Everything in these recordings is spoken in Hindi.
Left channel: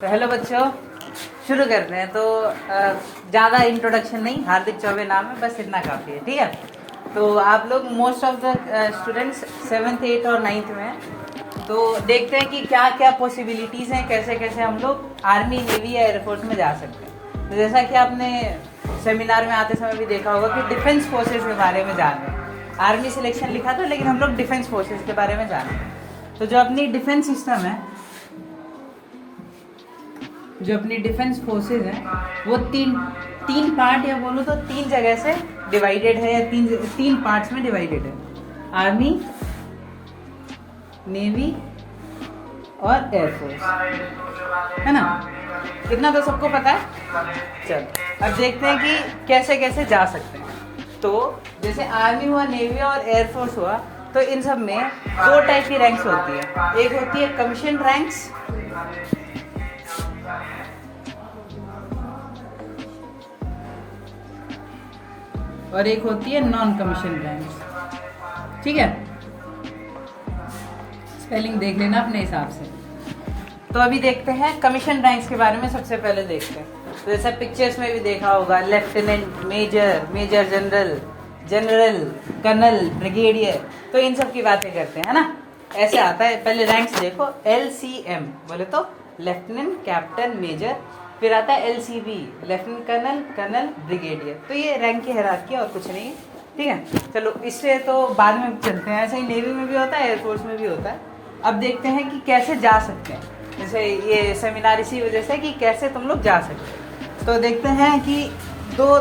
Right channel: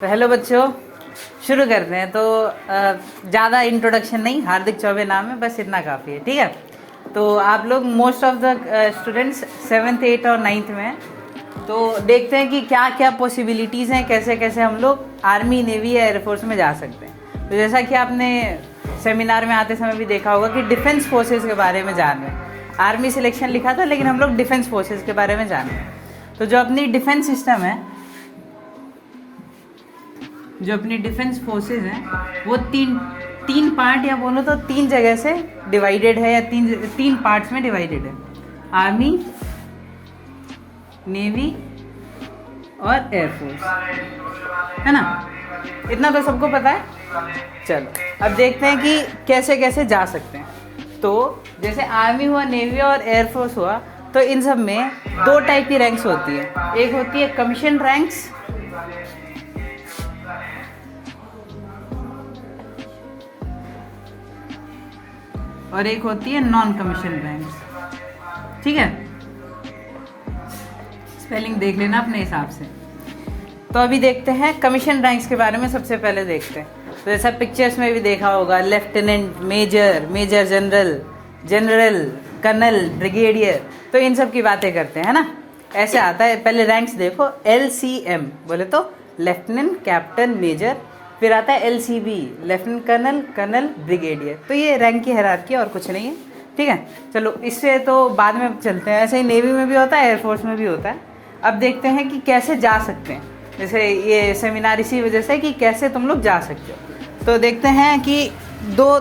तो हेलो बच्चों, शुरू करते हैं। तो ज़्यादा इंट्रोडक्शन नहीं, हार्दिक चौबे नाम है, बस इतना काफ़ी है। ठीक है, तो आप लोग most of the students 7th 8th और 9th में हैं। तो देखते हैं कि क्या क्या पॉसिबिलिटीज़ हैं, कैसे कैसे हम लोग आर्मी, नेवी या एयरफोर्स में जा सकते हैं। तो जैसा कि आपने सेमिनार में आते समय भी देखा होगा कि डिफेंस फोर्सेज के बारे में जान रहे हैं। आर्मी सिलेक्शन लिखा था, लेकिन हम लोग डिफेंस फोर्सेज के बारे में जान रहे हैं। तो जो अपनी डिफेंस सिस्टम है, जो अपनी डिफेंस फोर्सेज हैं, वो तीन पार्ट या बोलो तो तीन जगह से डिवाइडेड है, या तीन पार्ट्स में डिवाइडेड है। आर्मी, नेवी और एयरफोर्स, है ना। इतना तो सबको पता है। चलो अब देखते हैं कि कैसे कैसे जा सकते हैं। तो जैसे आर्मी हुआ, नेवी और एयरफोर्स हुआ, तो इन सब में दो टाइप की रैंक्स होती है। एक होती है कमीशन रैंक्स, और एक होती है नॉन कमीशन रैंक्स। ठीक है, स्पेलिंग देख लेना अपने हिसाब से। तो अभी देखते हैं कमीशन रैंक्स के बारे में। सबसे पहले देखते हैं, तो जैसा पिक्चर्स में भी देखा होगा, lieutenant, major, major general, general, colonel, brigadier. तो इन सब की बातें करते हैं ना। ऐसे आता है, पहले रैंक्स देखो। LCM बोले तो लेफ्टिनेंट, कैप्टन, मेजर। फिर आता है LCB, lieutenant colonel, colonel, brigadier. तो ये रैंक की हायरार्की और कुछ नहीं है। ठीक है, चलो इससे तो बाद में चलते हैं। ऐसे ही नेवी में भी होता है, एयरफोर्स में भी होता है। अब देखते हैं कि कैसे जा सकते हैं। जैसे ये सेमिनार इसी वजह से कि कैसे तुम लोग जा सकते हो। तो देखते हैं कि दो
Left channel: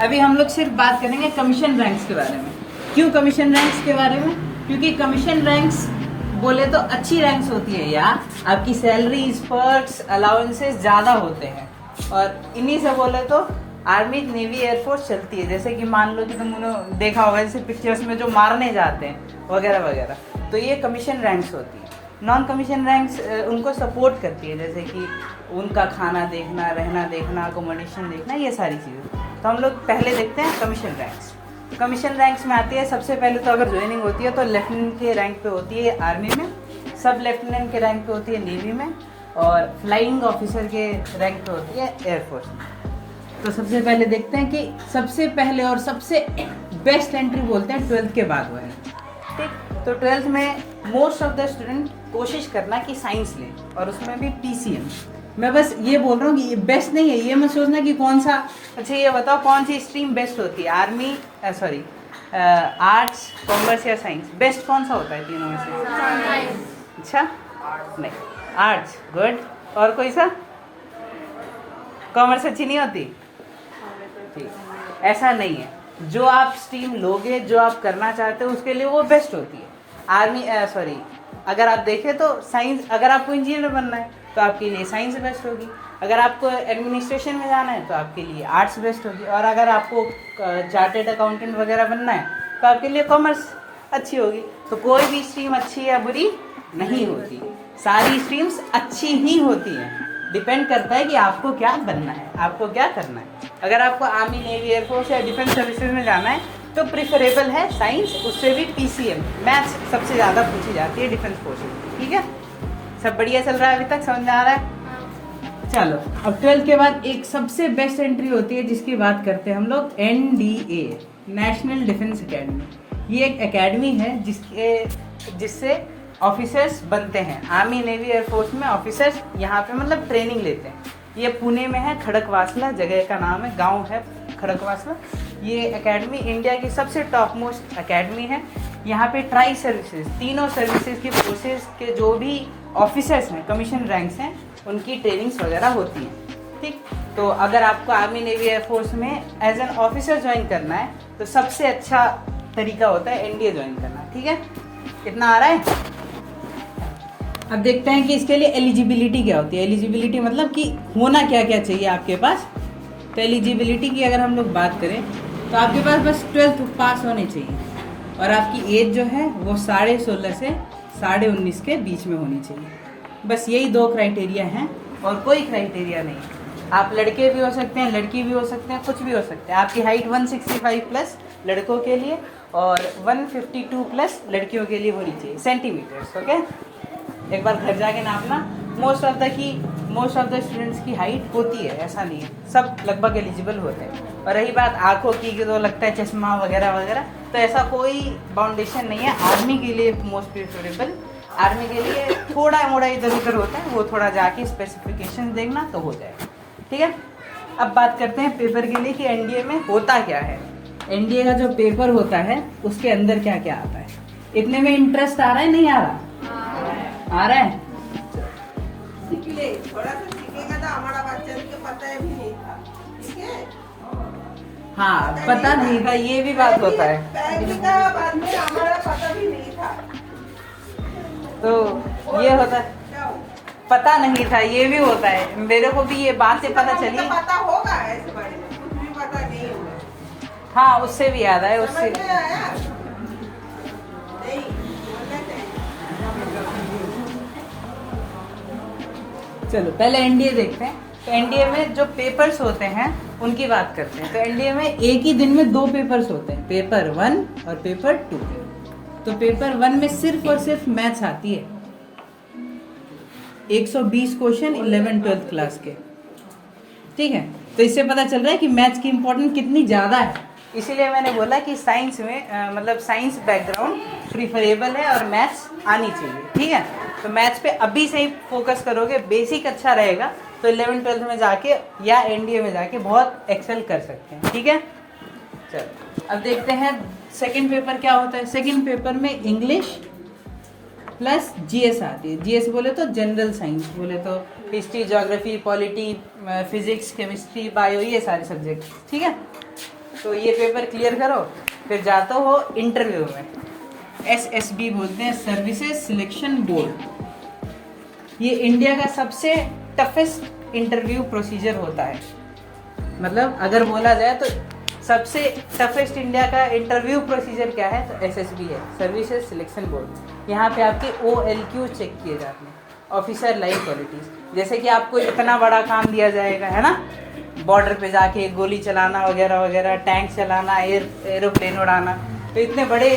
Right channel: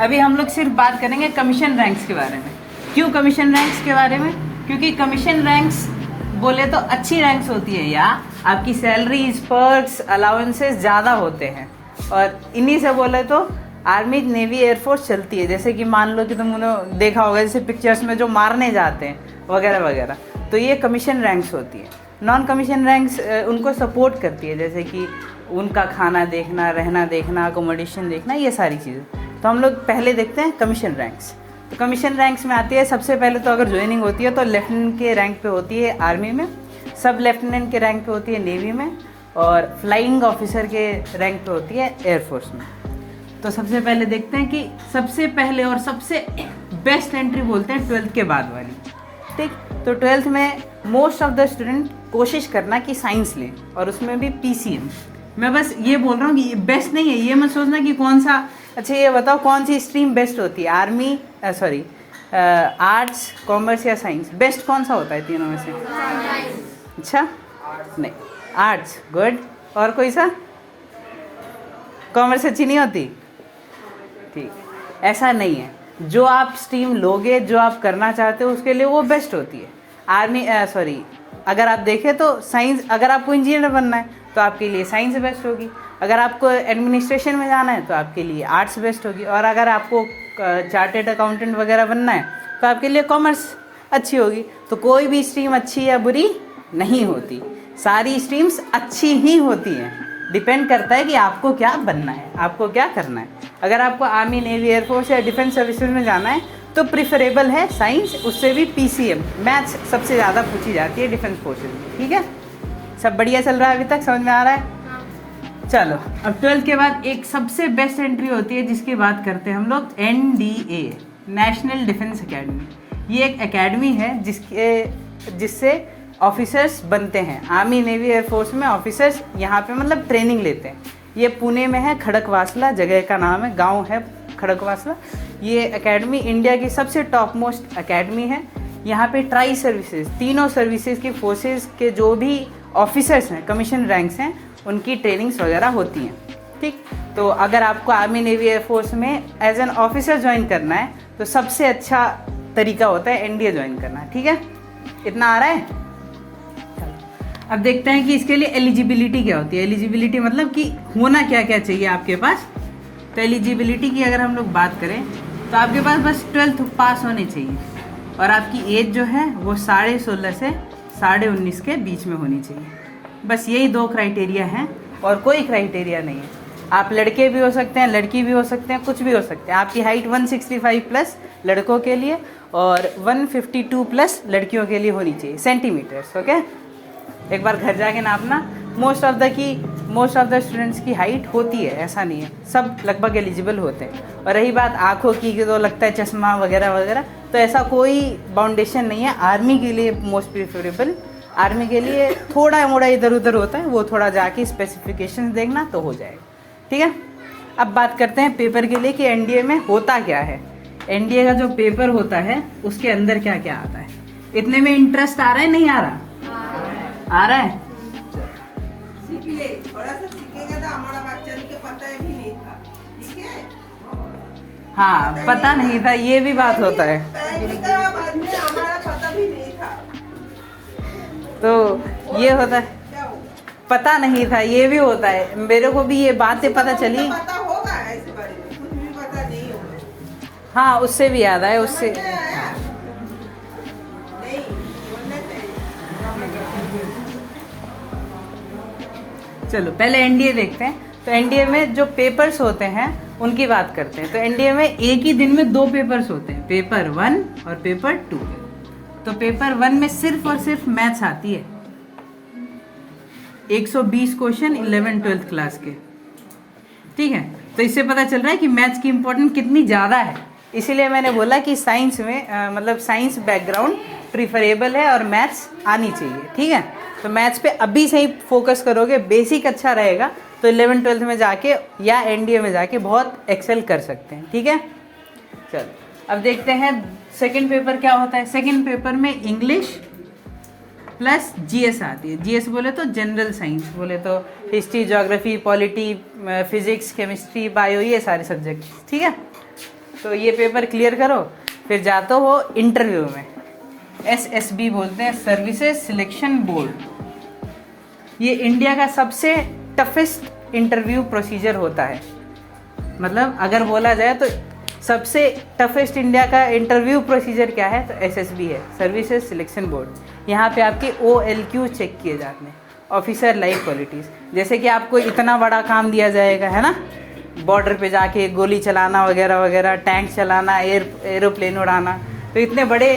अभी हम लोग सिर्फ बात करेंगे कमीशन रैंक्स के बारे में। क्यों कमीशन रैंक्स के बारे में? क्योंकि कमीशन रैंक्स बोले तो अच्छी रैंक्स होती है, या आपकी सैलरी, पर्क्स, अलाउंसेस ज्यादा होते हैं। और इन्हीं से बोले तो आर्मी, नेवी, एयरफोर्स चलती है। जैसे कि मान लो कि तुमने देखा होगा, जैसे पिक्चर्स में जो मारने जाते हैं वगैरह वगैरह, तो ये कमीशन रैंक्स होती है। नॉन कमीशन रैंक्स उनको सपोर्ट करती है, जैसे कि उनका खाना देखना, रहना देखना, अकोमोडेशन देखना, ये सारी चीज़ें। तो हम लोग पहले देखते हैं कमीशन रैंक्स। तो कमीशन रैंक्स में आती है, सबसे पहले तो अगर ज्वाइनिंग होती है तो लेफ्टिनेंट के रैंक पे होती है आर्मी में, सब लेफ्टिनेंट के रैंक पे होती है नेवी में, और फ्लाइंग ऑफिसर के रैंक पे होती है एयरफोर्स में। तो सबसे पहले देखते हैं कि सबसे पहले और सबसे बेस्ट एंट्री बोलते हैं 12th के बाद वाली। ठीक, तो 12th में मोस्ट ऑफ द स्टूडेंट कोशिश करना कि साइंस ले, और उसमें भी PCM। मैं बस ये बोल रहा हूँ कि ये बेस्ट नहीं है, ये मत सोचना कि कौन सा। अच्छा ये बताओ कौन सी स्ट्रीम बेस्ट होती है? आर्मी, सॉरी, आर्ट्स, कॉमर्स या साइंस? बेस्ट कौन सा होता है तीनों में से? अच्छा नहीं, आर्ट्स गुड। और कोई सा? कॉमर्स अच्छी नहीं होती? ठीक, ऐसा नहीं है। जो आप स्ट्रीम लोगे, जो आप करना चाहते हो, उसके लिए वो बेस्ट होती है। आर्मी, सॉरी, अगर आप देखें तो साइंस, अगर आपको इंजीनियर बनना है तो आपके लिए साइंस बेस्ट होगी। अगर आपको एडमिनिस्ट्रेशन में जाना है तो आपके लिए आर्ट्स बेस्ट होगी। और अगर आपको चार्टेड अकाउंटेंट वगैरह बनना है तो आपके लिए कॉमर्स अच्छी होगी। तो कोई भी स्ट्रीम अच्छी या बुरी नहीं होती, सारी स्ट्रीम्स अच्छी ही होती हैं। डिपेंड करता है कि आपको क्या बनना है, आपको क्या करना है। अगर आपको आर्मी, नेवी, एयरफोर्स या डिफेंस सर्विसेज में जाना है तो प्रिफरेबल है साइंस, उससे भी PCM, मैथ्स सबसे ज़्यादा पूछी जाती है डिफेंस फोर्सेज। ठीक है, सब बढ़िया चल रहा है? अभी तक समझ में आ रहा है? चलो अब 12th के बाद एक सबसे बेस्ट एंट्री होती है, जिसकी बात करते हैं हम लोग, NDA, नेशनल डिफेंस एकेडमी। ये एक एकेडमी है जिससे ऑफिसर्स बनते हैं। आर्मी, नेवी, एयरफोर्स में ऑफिसर्स यहाँ पे मतलब ट्रेनिंग लेते हैं। ये पुणे में है, खड़कवासला जगह का नाम है, गांव है खड़कवासला। ये एकेडमी इंडिया की सबसे टॉप मोस्ट एकेडमी है। यहाँ पे ट्राई सर्विसेज, तीनों सर्विसेज की फोर्सेज के जो भी ऑफिसर्स हैं, कमीशन रैंक्स हैं, उनकी ट्रेनिंग्स वगैरह होती हैं। ठीक, तो अगर आपको आर्मी, नेवी, एयरफोर्स में एज एन ऑफिसर ज्वाइन करना है तो सबसे अच्छा तरीका होता है NDA ज्वाइन करना। ठीक है, इतना आ रहा है? अब देखते हैं कि इसके लिए एलिजिबिलिटी क्या होती है। एलिजिबिलिटी मतलब कि होना क्या क्या चाहिए आपके पास। तो एलिजिबिलिटी की अगर हम लोग बात करें तो आपके पास बस 12th पास होने चाहिए, और आपकी एज जो है वो 16.5 से 19.5 के बीच में होनी चाहिए। बस यही दो क्राइटेरिया हैं, और कोई क्राइटेरिया नहीं है। आप लड़के भी हो सकते हैं, लड़की भी हो सकते हैं, कुछ भी हो सकते हैं। आपकी हाइट 165 प्लस लड़कों के लिए, और 152 प्लस लड़कियों के लिए होनी चाहिए सेंटीमीटर्स। ओके, एक बार घर जाके नापना। मोस्ट ऑफ द स्टूडेंट्स की हाइट होती है, ऐसा नहीं है, सब लगभग एलिजिबल होते हैं। और रही बात आँखों की कि तो लगता है चश्मा वगैरह वगैरह, तो ऐसा कोई बाउंडेशन नहीं है। आर्मी के लिए मोस्ट प्रेफरेबल, आर्मी के लिए थोड़ा मोड़ा इधर उधर होता है, वो थोड़ा जाके स्पेसिफिकेशन देखना तो हो जाएगा। ठीक है, अब बात करते हैं पेपर के लिए कि एनडीए में होता क्या है। एनडीए का जो पेपर होता है उसके अंदर क्या क्या आता है। इतने में इंटरेस्ट आ रहा है, नहीं आ रहा? आ रहा है। थोड़ा सा सीखेगा तो हमारा बच्चा को पता भी नहीं था। ठीक है, हाँ, पता नहीं था, ये भी बात होता है। बाद में हमारा पता भी नहीं था, तो ये होता है, पता नहीं था, ये भी होता है। मेरे को भी ये बात से पता चली। तो पता होगा ऐसे बारे में, कुछ भी पता नहीं होगा। हाँ, उससे भी याद आया, उससे समझ में आया? नहीं, बोलना चाहिए। चलो पहले एनडीए देखते हैं। तो एनडीए में जो पेपर्स होते हैं उनकी बात करते हैं। तो एनडीए में एक ही दिन में 2 पेपर्स होते हैं, पेपर 1 और पेपर 2। तो पेपर 1 में सिर्फ और सिर्फ मैथ्स आती है, 120 क्वेश्चन 11-12 क्लास के। ठीक है, तो इससे पता चल रहा है कि मैथ्स की इंपॉर्टेंस कितनी ज़्यादा है। इसीलिए मैंने बोला कि साइंस में मतलब साइंस बैकग्राउंड प्रीफरेबल है और मैथ्स आनी चाहिए। ठीक है, तो मैथ्स पे अभी से ही फोकस करोगे, बेसिक अच्छा रहेगा, तो 11-12 में जाके या एनडीए में जाके बहुत एक्सेल कर सकते हैं। ठीक है, चलो अब देखते हैं सेकंड पेपर क्या होता है। सेकंड पेपर में इंग्लिश प्लस जीएस आती है। जीएस बोले तो जनरल साइंस, बोले तो history, geography, polity, physics, chemistry, bio, ये सारे सब्जेक्ट। ठीक है, तो ये पेपर क्लियर करो, फिर जाते हो इंटरव्यू में। SSB बोलते हैं, सर्विसेज सिलेक्शन बोर्ड। ये इंडिया का सबसे टफेस्ट इंटरव्यू प्रोसीजर होता है। मतलब अगर बोला जाए तो सबसे टफेस्ट इंडिया का इंटरव्यू प्रोसीजर क्या है, तो SSB है, सर्विसेज सिलेक्शन बोर्ड। यहाँ पे आपके OLQ चेक किए जाते हैं, ऑफिसर लाइफ क्वालिटीज। जैसे कि आपको इतना बड़ा काम दिया जाएगा, है ना, बॉर्डर पे जाके गोली चलाना वगैरह वगैरह, टैंक चलाना, एरोप्लेन उड़ाना, तो इतने बड़े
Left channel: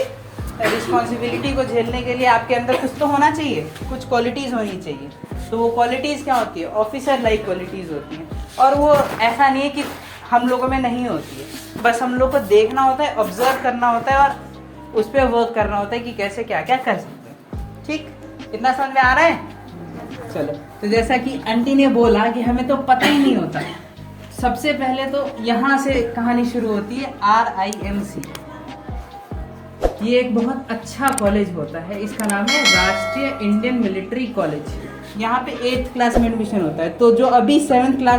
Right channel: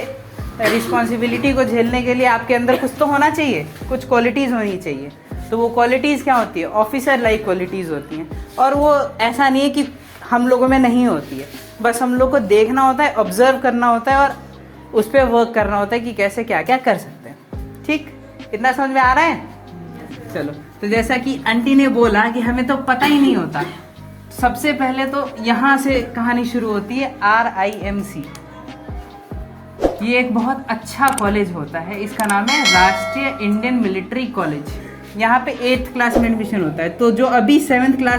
रिस्पॉन्सिबिलिटी को झेलने के लिए आपके अंदर कुछ तो होना चाहिए, कुछ क्वालिटीज़ होनी चाहिए। तो वो क्वालिटीज़ क्या होती है, ऑफिसर लाइक क्वालिटीज़ होती हैं। और वो ऐसा नहीं है कि हम लोगों में नहीं होती है, बस हम लोग को देखना होता है, ऑब्जर्व करना होता है और उस पर वर्क करना होता है कि कैसे क्या क्या कर सकते हैं। ठीक, इतना समझ में आ रहा है? चलो, तो जैसा कि आंटी ने बोला कि हमें तो पता ही नहीं होता। सबसे पहले तो यहाँ से कहानी शुरू होती है, RIMC। ये एक बहुत अच्छा कॉलेज होता है, इसका नाम है राष्ट्रीय इंडियन मिलिट्री कॉलेज। यहाँ पे 8th क्लास में एडमिशन होता है। तो जो अभी 7th क्लास